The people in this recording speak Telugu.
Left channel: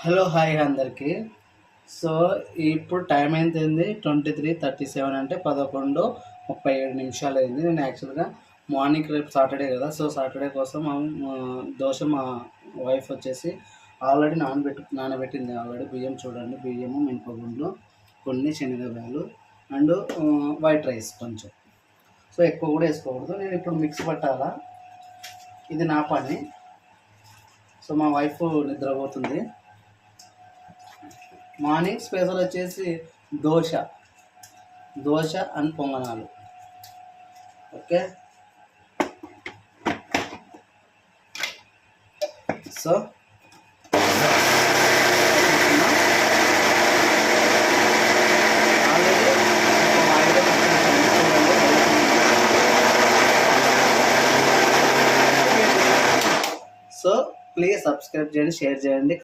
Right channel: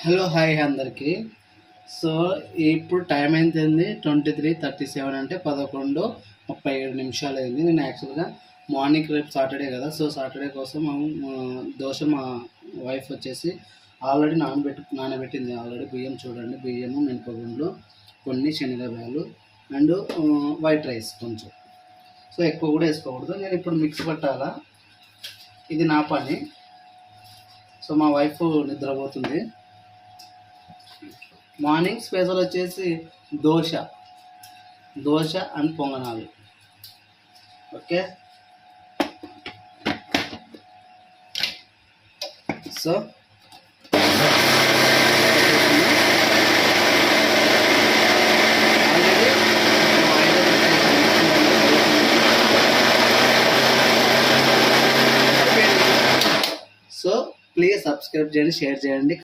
హలో హాయ్ అందరికీ. సో ఇప్పుడు టైం అయింది 23:37 అంటే 11:37 అయింది. నేను యాక్చువల్గా మార్నింగ్ రేపు సాటర్డే కదా, సో సాటర్డే కోసం దోశ మా వైఫ్ వచ్చేసి ఆల్రెడీ నానబెట్టింది. ఆల్రెడీ బియ్యం చూడండి, బియ్యము, మినపగుండ్లు, కొన్ని శనగకాయలు అండ్ వైట్ రైస్ కొంచెం. సో ఎక్కువ కూడా వేసుకోకూడదు. నేను ఇప్పుడు మిక్స్ పట్టాలా, ఇది నా పని. సో మా వైఫ్ నిద్రపోతుంది. మార్నింగ్ స్పెషల్ వచ్చేసి దోశ దోశ అండ్ పొంగనాలు. Okay, so already so please subscribe చేయండి, షేర్ చేయండి.